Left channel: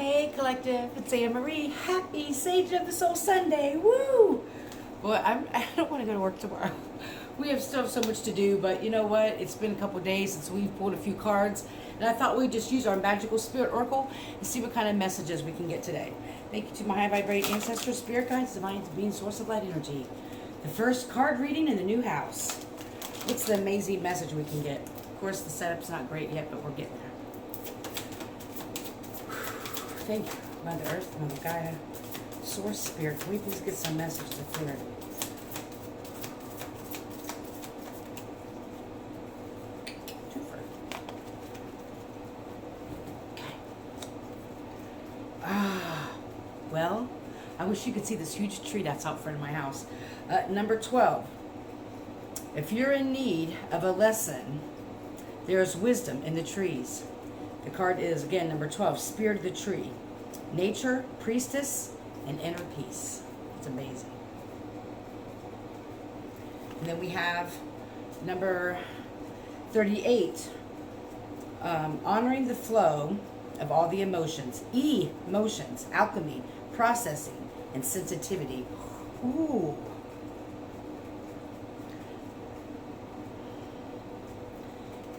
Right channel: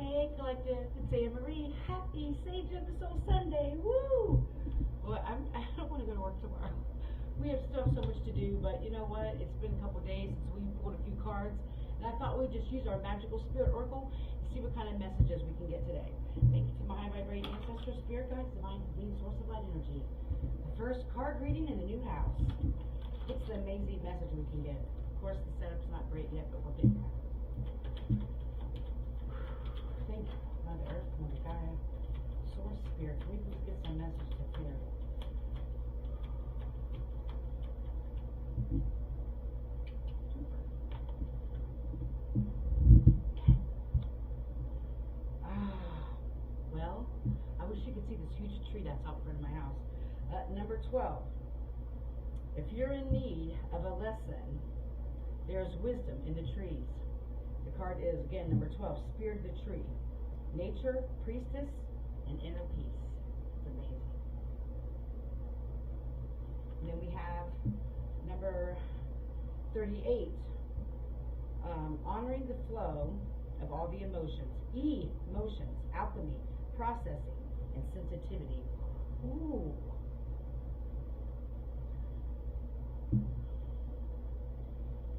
Hey Collective, it's Anne Marie. Happy Sage of the Soul Sunday. Woo! Well, I don't want to go to work tomorrow. We have still so much to do, but you know what? It's been a couple of days since we've pulled a few cards, and I thought we'd just use our magical spirit oracle and see what kind of messages we can get today. Thank you to my high vibrating ancestors, spirit guides, divine being, source of light energy. The first card reading in the new house. What's the amazing message we can get? Of course, the setup's not great yet, but we're getting there. Thank you, Mother Earth, Mother Gaia, Source Spirit. Can we please get some message to clear? Okay. Well, I wish you could see this huge tree that's out front of my house. Number 12. If you're in need of a lesson, there is wisdom in the trees. The card is, again, number 12, Spirit of the Tree. Nature, Priestess, and Inner Peace. It's amazing. And then we have number 38, honoring the flow of all the emotions. Emotions, alchemy, processing, and sensitivity. Ooh.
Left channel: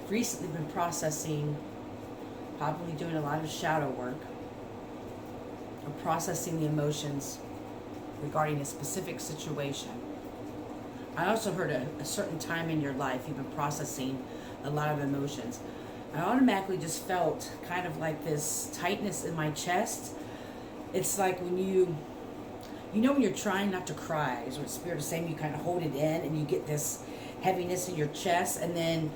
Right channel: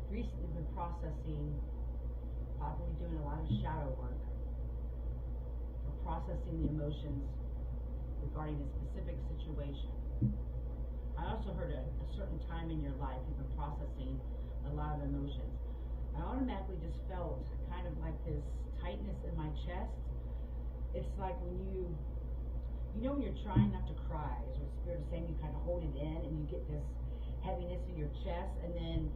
Recently been processing, probably doing a lot of shadow work, or processing the emotions regarding a specific situation. I also heard a certain time in your life you've been processing a lot of emotions. I automatically just felt kind of like this tightness in my chest. It's like when you know when you're trying not to cry, is what Spirit is saying, you kind of hold it in and you get this heaviness in your chest, and then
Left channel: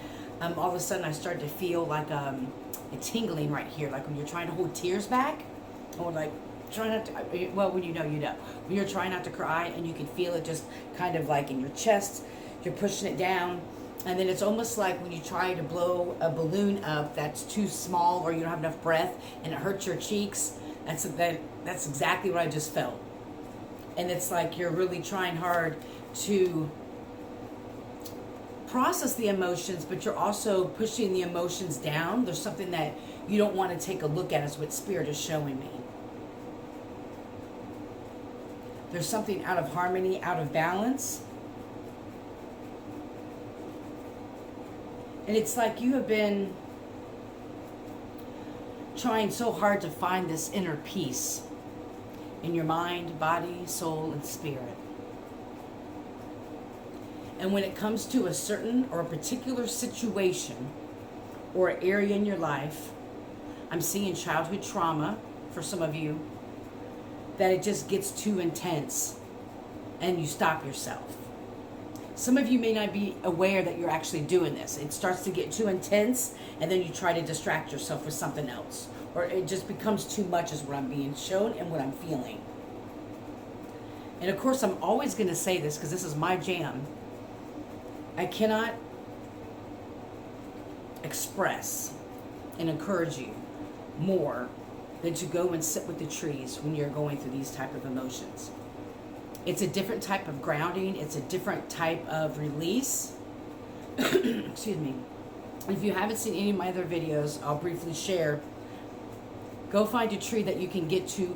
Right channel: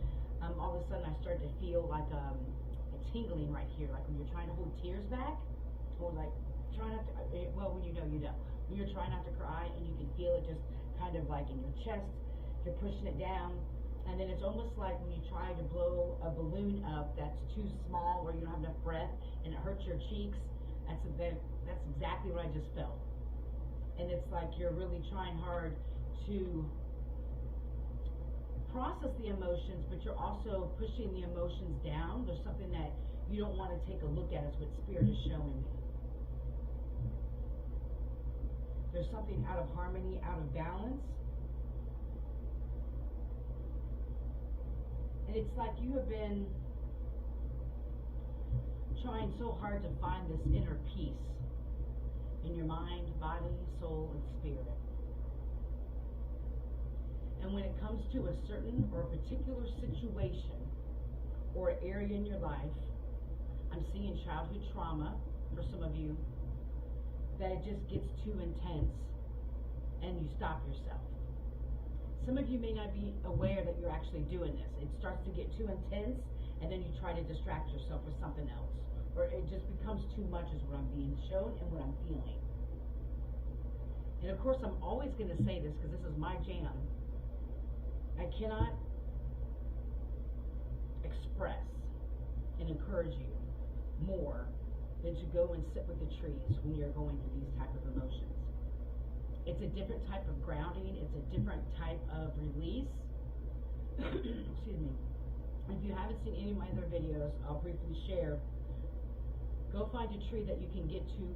all of a sudden I started to feel like a tingling right here, like when you're trying to hold tears back, or like try not to, well, when you know, when you're trying not to cry and you can feel it just kind of like in your chest, you're pushing it down, and then it's almost like when you try to blow a balloon up that's too small or you don't have enough breath and it hurts your cheeks. That's exactly what I just felt. And it's like you're really trying hard to process the emotions, but you're also pushing the emotions down. There's something that you don't want to take a look at, is what Spirit is showing me. There's something out of harmony, out of balance. And it's like you have been trying so hard to find this inner peace in your mind, body, soul, and spirit. And when it comes to a certain or a particular situation or area in your life, I'm seeing childhood trauma for some of you, that it just gets too intense and you stop yourself. Some of you may not be aware that you're actually doing this. It starts to get too intense and then you try to distract yourself with something else. Or it just becomes too much, is what I'm being shown and what I'm feeling. And of course, I'm always going to say this because this is my jam. I cannot express and encourage you more than to go and sit with the trees when you're going through these type of emotions. It's a different type of grounding. It's a different type of release. Excuse me. If you haven't seen any of my other videos, I'll briefly share. Go find a tree that you can get to,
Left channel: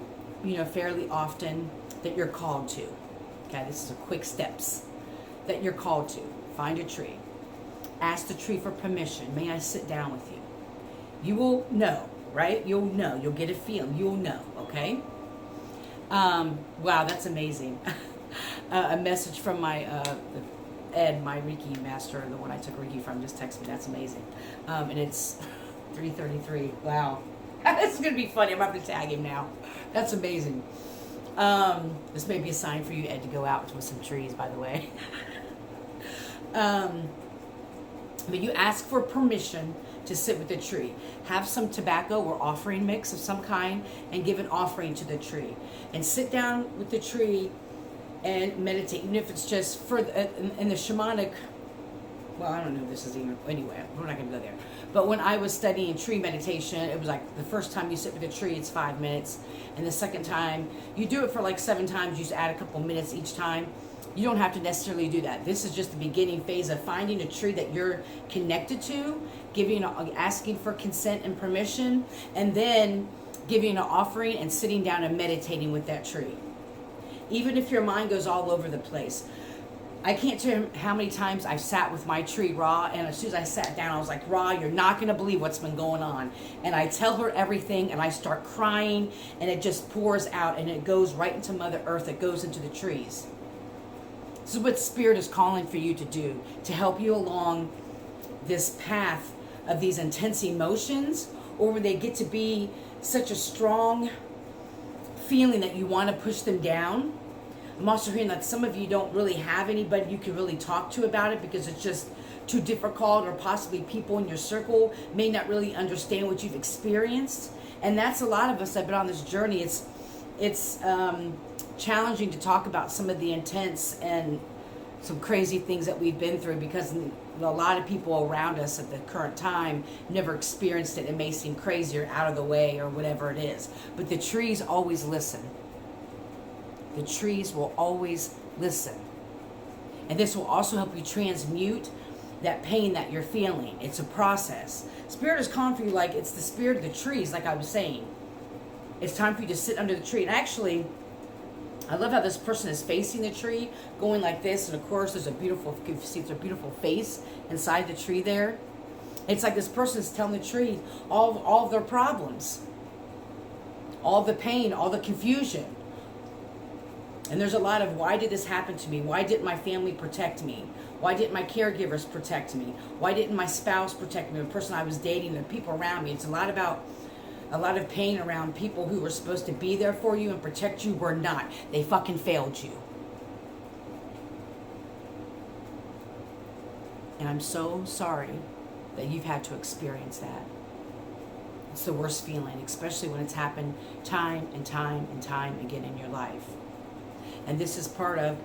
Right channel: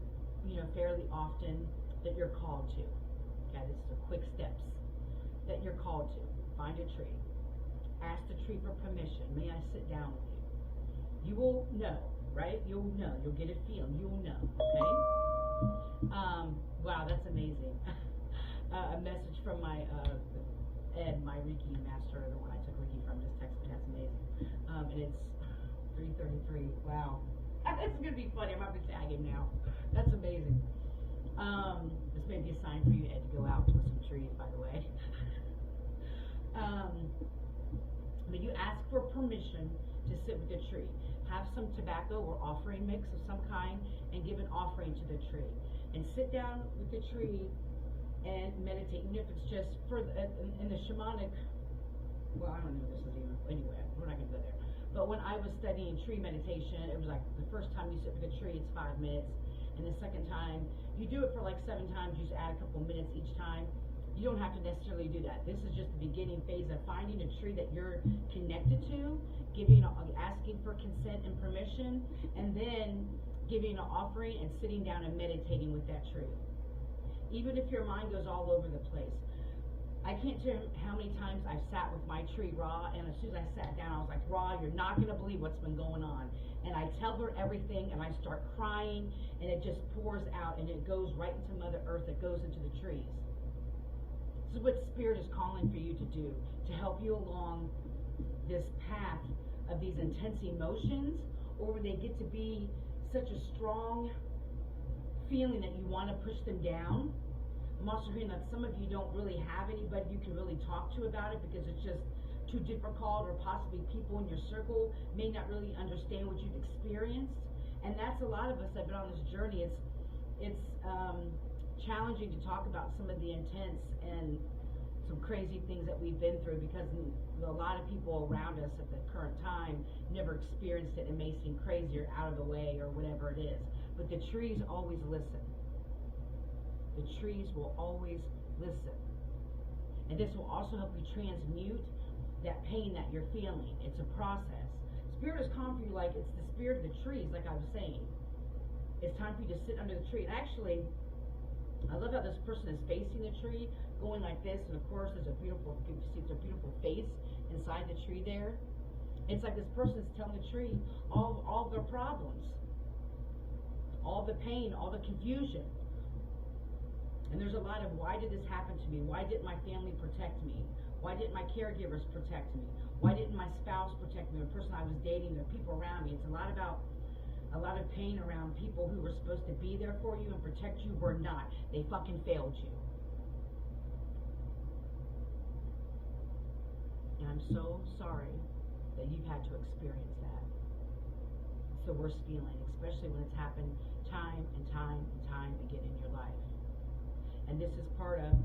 fairly often, that you're called to. Okay, this is a quick steps that you're called to. Find a tree. Ask the tree for permission. May I sit down with you? You will know, right? You'll know. You'll get a feeling. You'll know, okay? Wow, that's amazing. A message from my Ed, my Reiki master, the one I took Reiki from, just texted me. That's amazing. And it's 3:33. Wow. This is going to be funny. I'm going to have to tag him now. That's amazing. This may be a sign for you, Ed, to go out with some trees, by the way. But you ask for permission to sit with the tree. Have some tobacco or offering mix of some kind and give an offering to the tree. And sit down with the tree and meditate, even if it's just for in the shamanic, well, I don't know if this is even, anyway, we're not going to go there. But when I was studying tree meditation, it was like the first time you sit with a tree, it's 5 minutes. And the second time, you do it for like 7 times, you just add a couple minutes each time. You don't have to necessarily do that. This is just the beginning phase of finding a tree that you're connected to, asking for consent and permission, and then giving an offering and sitting down and meditating with that tree. Even if your mind goes all over the place. I can't tell you how many times I've sat with my tree, Ra, and as soon as I sat down, I was like, Ra, you're not going to believe what's been going on. And I tell her everything, and I start crying, and it just pours out, and it goes right into Mother Earth. It goes into the trees. This is what Spirit is calling for you to do, to help you along this path of these intense emotions, or where they get to be such a strong feeling that you want to push them down. I'm also hearing that some of you don't really have anybody you can really talk to about it because it's just too difficult, or possibly people in your circle may not really understand what you've experienced. And that's a lot of us that have been on this journey. It's challenging to talk about some of the intense and some crazy things that we've been through, because a lot of people around us at the current time never experienced it. It may seem crazy or out of the way or whatever it is. But the trees always listen. The trees will always listen. And this will also help you transmute that pain that you're feeling. It's a process. Spirit is calling for you like it's the spirit of the trees, like I was saying. It's time for you to sit under the tree. And actually, I love how this person is facing the tree, going like this. And of course, there's a beautiful, you can see there's a beautiful face inside the tree there. It's like this person is telling the tree all of their problems, all the pain, all the confusion. And there's a lot of, why did this happen to me? Why didn't my family protect me? Why didn't my caregivers protect me? Why didn't my spouse protect me? The person I was dating, the people around me. It's a lot of pain around people who were supposed to be there for you and protect you were not. They fucking failed you. And I'm so sorry that you've had to experience that. It's the worst feeling, especially when it's happened time and time and time again in your life. And this is part of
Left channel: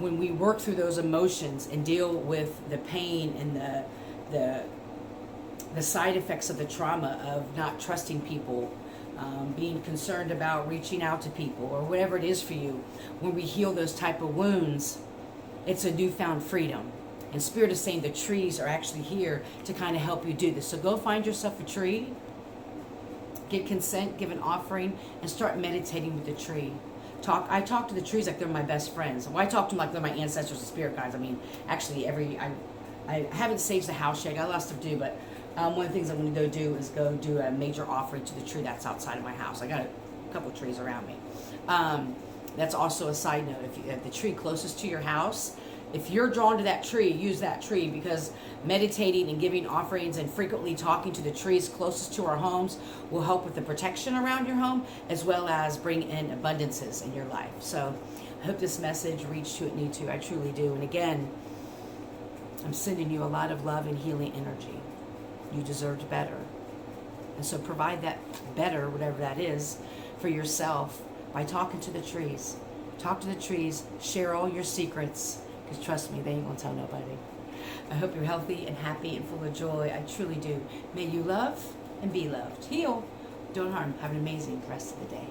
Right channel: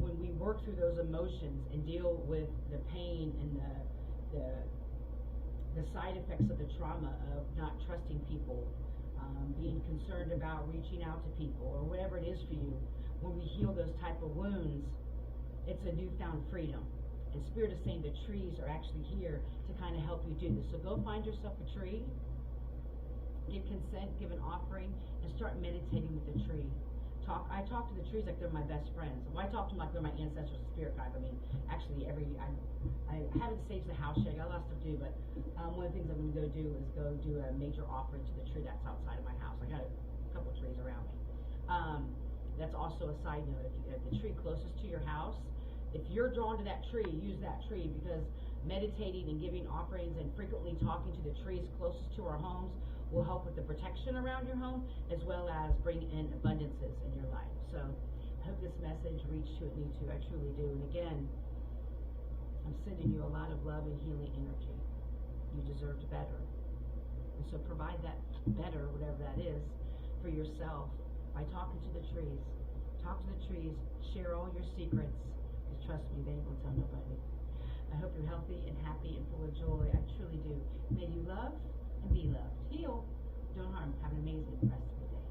when we work through those emotions and deal with the pain and the side effects of the trauma of not trusting people, being concerned about reaching out to people, or whatever it is for you. When we heal those type of wounds, it's a newfound freedom. And Spirit is saying the trees are actually here to kind of help you do this. So go find yourself a tree, get consent, give an offering, and start meditating with the tree. I talk to the trees like they're my best friends. Well, I talk to them like they're my ancestors and spirit guides. I mean, actually, I haven't saged the house yet. I got a lot of stuff to do, but one of the things I'm going to go do is go do a major offering to the tree that's outside of my house. I got a couple of trees around me. That's also a side note. If the tree closest to your house, if you're drawn to that tree, use that tree, because meditating and giving offerings and frequently talking to the trees closest to our homes will help with the protection around your home, as well as bring in abundances in your life. So I hope this message reached who it needs to. I truly do. And again, I'm sending you a lot of love and healing energy. You deserved better. And so provide that better, whatever that is, for yourself by talking to the trees. Talk to the trees. Share all your secrets. Because trust me, they ain't going to tell nobody. I hope you're healthy and happy and full of joy. I truly do. May you love and be loved. Heal. Don't harm. Have an amazing rest of the day.